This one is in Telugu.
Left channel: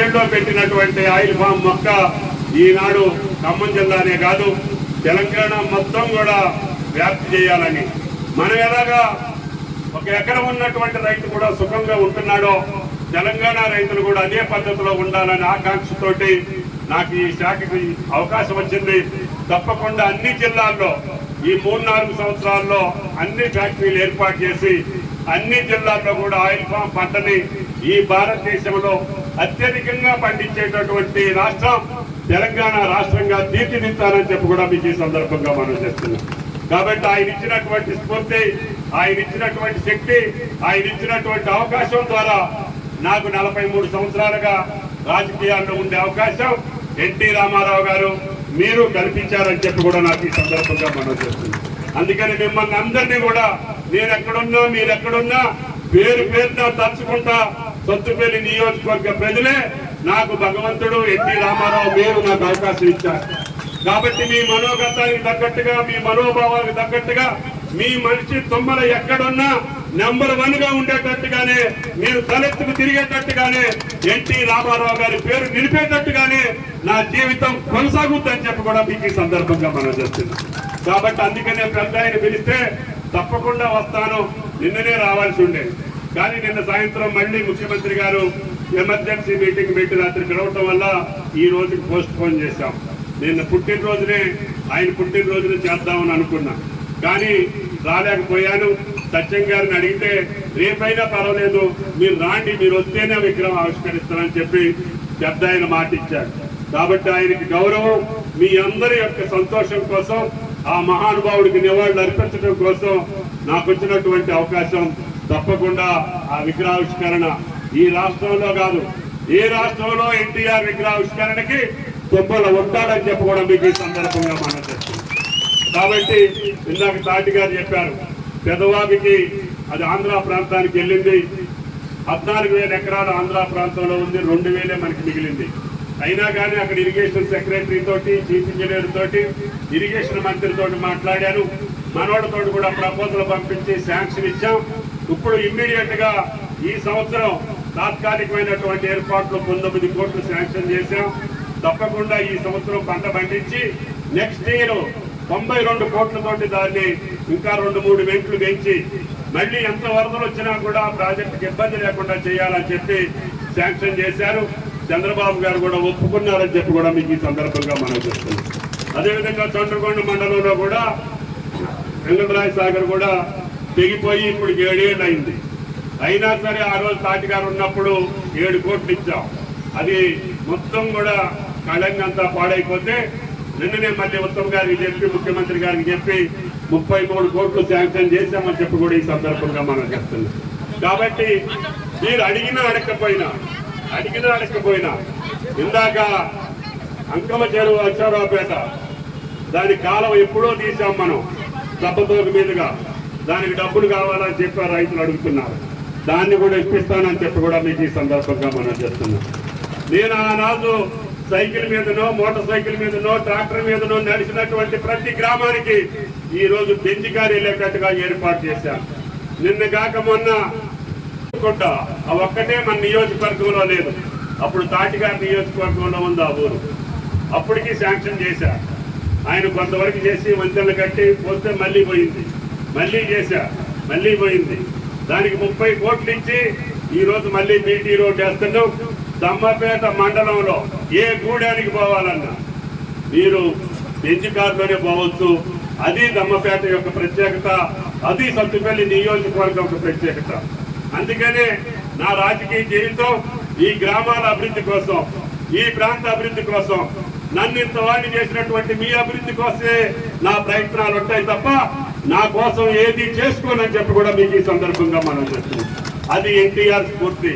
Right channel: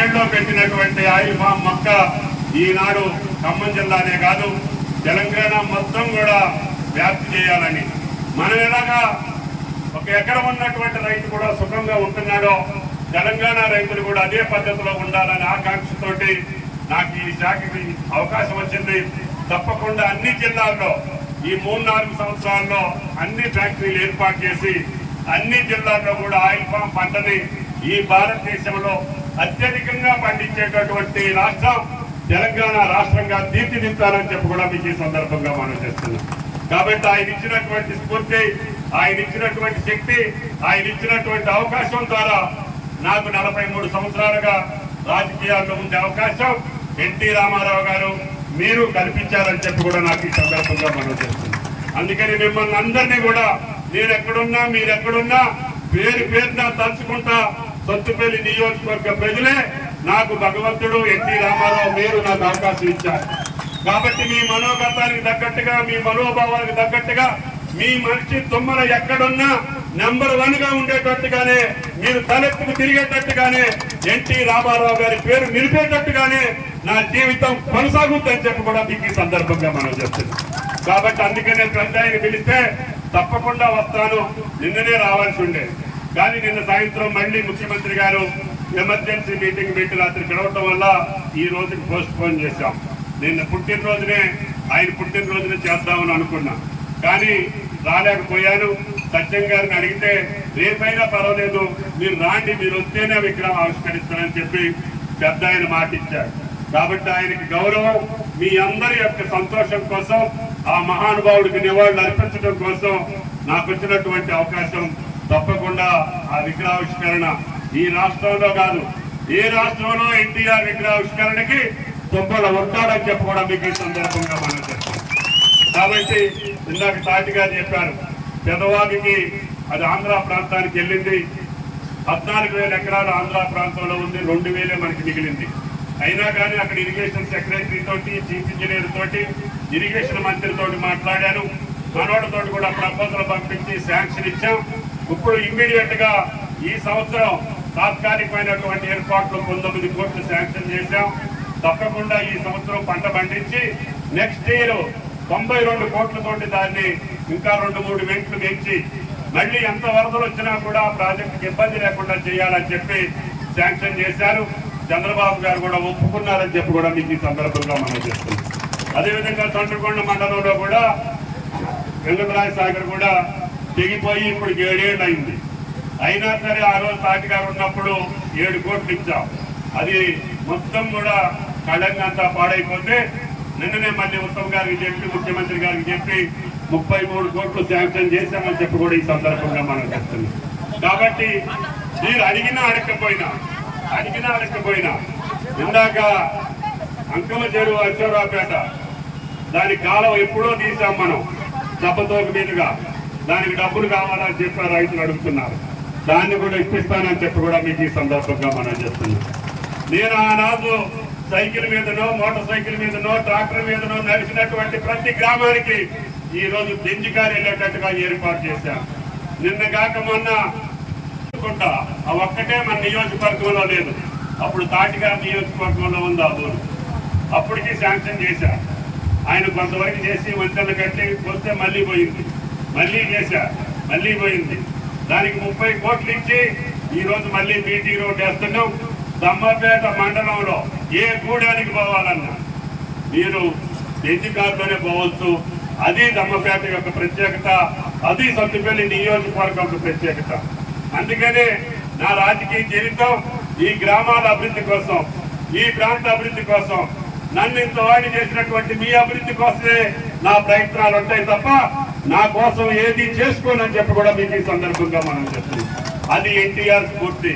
ఏళ్ళలో పెట్టినటువంటి ఆయిల్ ఫామ్ మొక్క ఈనాడు ఖమ్మం జిల్లానే కాదు తెలంగాణ మొత్తం కూడా వ్యాప్తి చేయాలని, మనం ఎలాగా ఒక ఎకరం ఉన్నటువంటి రైతు కూడా సుఖంగా ఉంటున్నాడో తెలంగాణ రైతులు కూడా అదే పద్ధతిలో ఉండాలని ఆకాంక్షతోటి నాకు ఈ శాఖకి అవకాశం వచ్చింది. తప్పకుండా అన్ని జిల్లాల్లో ఈ 3-4 సంవత్సరాల్లో అన్ని ఫ్యాక్టరీలు ఏర్పాటు చేసి అన్ని జిల్లాల్లో కూడా ఆయిల్ ఫామ్ పంటని ఈ భారతదేశంలో అత్యధికంగా పండించేటటువంటి రాష్ట్రం తెలంగాణ రాష్ట్రంగా తీర్చిదిద్దాలని చెప్పి కూడా మీకు ఈ సందర్భంగా మనం చేస్తున్నాం. కాబట్టి ఆయన ఇచ్చినటువంటి స్ఫూర్తి, ఆయన ఇచ్చినటువంటి శక్తి, ఆయన ఇచ్చినటువంటి అవకాశం ద్వారా నాకు 43 సంవత్సరాలుగా రాజకీయాల్లో ఉండే అవకాశం ఎన్టీ రామారావు గారు మీరు కల్పించారని చెప్పి కూడా నాకు ఈ సందర్భంగా మనం చేస్తున్నాం. అందుకని మిమ్మల్ని అందరినీ కూడా నేను ఎక్కడున్నా మీరు ఎక్కడున్నా పేరు పేరున తలుచుకుంటా సొత్తుపల్లి నియోజకవర్గ ప్రజలే నాకు భగవంతుడు ఎన్టీ రామారావు మీరు నాకు అవకాశం ఇచ్చారు. కాబట్టి మీ మనోగతానికి తగ్గట్టుగా మీ మనోభావానికి తగ్గట్టుగా మీ మనిషి తుమ్మల ఎక్కడున్నా నెంబర్ 1 గా ఉండేటట్టుగానే మీరు తలెత్తుకు తిరిగేటట్టుగానే ఎన్టీ రామారావు గారి పేరు నిలిపేటట్టుగానే నా జీవితం కొనసాగుతుందని చెప్పి కూడా మీకు ఈ సందర్భంగా మనం చెప్తున్నాం. కాబట్టి అందుకనే పెద్దయ్యని పిలిస్తే తప్పకుండా వస్తాను. నిన్ననే రావాల్సి ఉండేది కానీ నిన్న సాయంత్రం మళ్ళీ ముఖ్యమంత్రి గారు ఎమర్జెన్సీ మీటింగ్ పెట్టి రాత్రి పిలవటం వల్ల ఈ రోజుకి పోస్ట్ పోన్ చేశాం. నిన్న పుట్టినరోజునే ఆయన పుట్టినరోజునే చేద్దామని అనుకున్నా కానీ రాలేకపోయాను. సత్యం గారిని అడిగితే రేపైనా పర్వాలేదు మీరు రాండి, మీరు వస్తేనే విగ్రహం ఆవిష్కరిస్తానని చెప్పి పెద్ద ఆయన మాట ఇచ్చారు. కాబట్టి ఆయనకి గౌరవం, మీ అందరి యొక్క సంతోషం కోసం ఆ మహానుభావుడికి నివాళులు అర్పించడం కోసం నాకు వచ్చినటువంటి అవకాశం తప్పకుండా ఆ విగ్రహావిష్కరణ ఈ రాష్ట్రంలో కాదు ఏ రాష్ట్రంలో ఎన్టీఆర్ విగ్రహావిష్కరణకి తుమ్మల ఉంటారని చెప్పి కూడా మీకు ఈ సందర్భంగా మనం చెప్తాం. కాబట్టి ఇందాక తాటి గారు చెప్పారు పెదవాగికి అది ఆంధ్ర ప్రాంతానికి వెళ్ళింది. 14,000 ఎకరాలు ఆంధ్ర ప్రాంతంలో ఉంది, 2,000 మనకి మిగిలింది. అయినా కానీ అక్కడ ఇరిగేషన్ సెక్రటరీ తోటి చీఫ్ ఇంజనీర్ తోటి ఇరిగేషన్ మంత్రితో మాట్లాడాను. మనోడితో కూడా ప్రపోజల్ పంపించి శాంక్షన్ ఇచ్చాం. ఇప్పుడు ఇమ్మీడియట్ గా ఈ సంవత్సరం తాత్కాలికమైనటువంటి ఏర్పాట్లు 19 కోట్లు శాంక్షన్ చేశాం. తప్పకుండా ఈ సంవత్సరం పంట పండించి నెక్స్ట్ ఇయర్ 92 కోట్లతోటి దాన్ని ఇంకా 2-3 వెంట్లు పెంచి మళ్ళీ ఎంత వరదలు వచ్చినా కూడా ప్రాజెక్టుకి ఇబ్బంది లేకుండా చేయాలని చెప్పి శాంక్షన్ చేశారు. చంద్రబాబు గారు కూడా ఒప్పుకున్నారని చెప్పి కూడా మీకు ఈ సందర్భంగా మనం చేస్తున్నాం. అదేవిధంగా చంద్రకొండ మండలంలో కూడా వెంకటరాయ సాగర్ కూడా తెగిపోయి ఇప్పుడు 7 ఏళ్ళు అయింది. అయినా సరే ఆ రోజు తాటి గారు ఉన్నప్పుడు 7 కోట్లు ఇచ్చాం. అది మొత్తం కూడా కళంగంతా పాడైపోతే నిన్ననే మళ్ళీ ఉత్తమ్ గారికి చెప్పి ముఖ్యమంత్రి గారికి చెప్పి 33 కోట్లు శాంక్షన్ చేశామని చెప్పి కూడా ఈ సందర్భంగా మనం చెప్తున్నాం. కాబట్టి మీరు అడిగినా అడగకపోయినా ఇందాక అంకమ చెరువు అక్షరాపేట దాని కాలం ఎప్పుడో తీసాం మనం దెబ్బతోక మీదుగా. దానికి డబ్బులు కావాలని చెప్పి రైతులు అడుగుతున్నారు. దాన్ని కూడా ఇప్పిస్తానని చెప్పి కూడా మీకు ఈ సందర్భంగా మనం చెప్తున్నాం. నేను ఆనాడు సైకిల్ మీదనో మోటార్ సైకిల్ మీదనో ట్రాక్టర్ మీదనో నడిచినటువంటి ప్రతి గ్రామానికి ఈ రోజు బెంజికారు వెళ్ళేటట్టుగా ఏర్పాటు చేశారు. నిన్న కాక మొన్న ఆ ఒక్కటే మన నియోజకవర్గంలో లేదు, అప్పుడు తాటిగారి నియోజకవర్గంలో ఉంది ఆ ఊరు. అప్పటికి శాంక్షన్ చేశారు. ఆయన కొంతవరకు చేసి వంతెనలు కట్టి వస్తే మళ్ళీ పోయింది, మళ్ళీ చేశారు, మళ్ళీ పోయింది. దానికి 30 కోట్లు ఇచ్చి ఈ రోజు మళ్ళీ బీటీ రోడ్ వేస్తున్నాం. దమ్మపేట మండలంలో ఏ గూడానికి పోవాలన్నా మీరు బెంజికారులోనే పోవచ్చు. అది దమ్మపేట యొక్క ప్రత్యేకత, అది సత్తుపల్లి నియోజకవర్గం యొక్క ప్రత్యేకత. అందుకనే నా రాజకీయ జీవితం ఈ గ్రామాల అభివృద్ధి కోసం, ఈ ప్రాంత అభివృద్ధి కోసం, నన్ను ఇంత వాడి చేసినటువంటి మీ అభివృద్ధి కోసమే నా ప్రయత్నాలు ఉంటాయి తప్ప నా కోసం ఏది చేసుకోనని చెప్పి కూడా మీకు ఈ సందర్భంగా మనం చెప్తున్నాం. అది ఎన్టీఆర్ స్ఫూర్తి.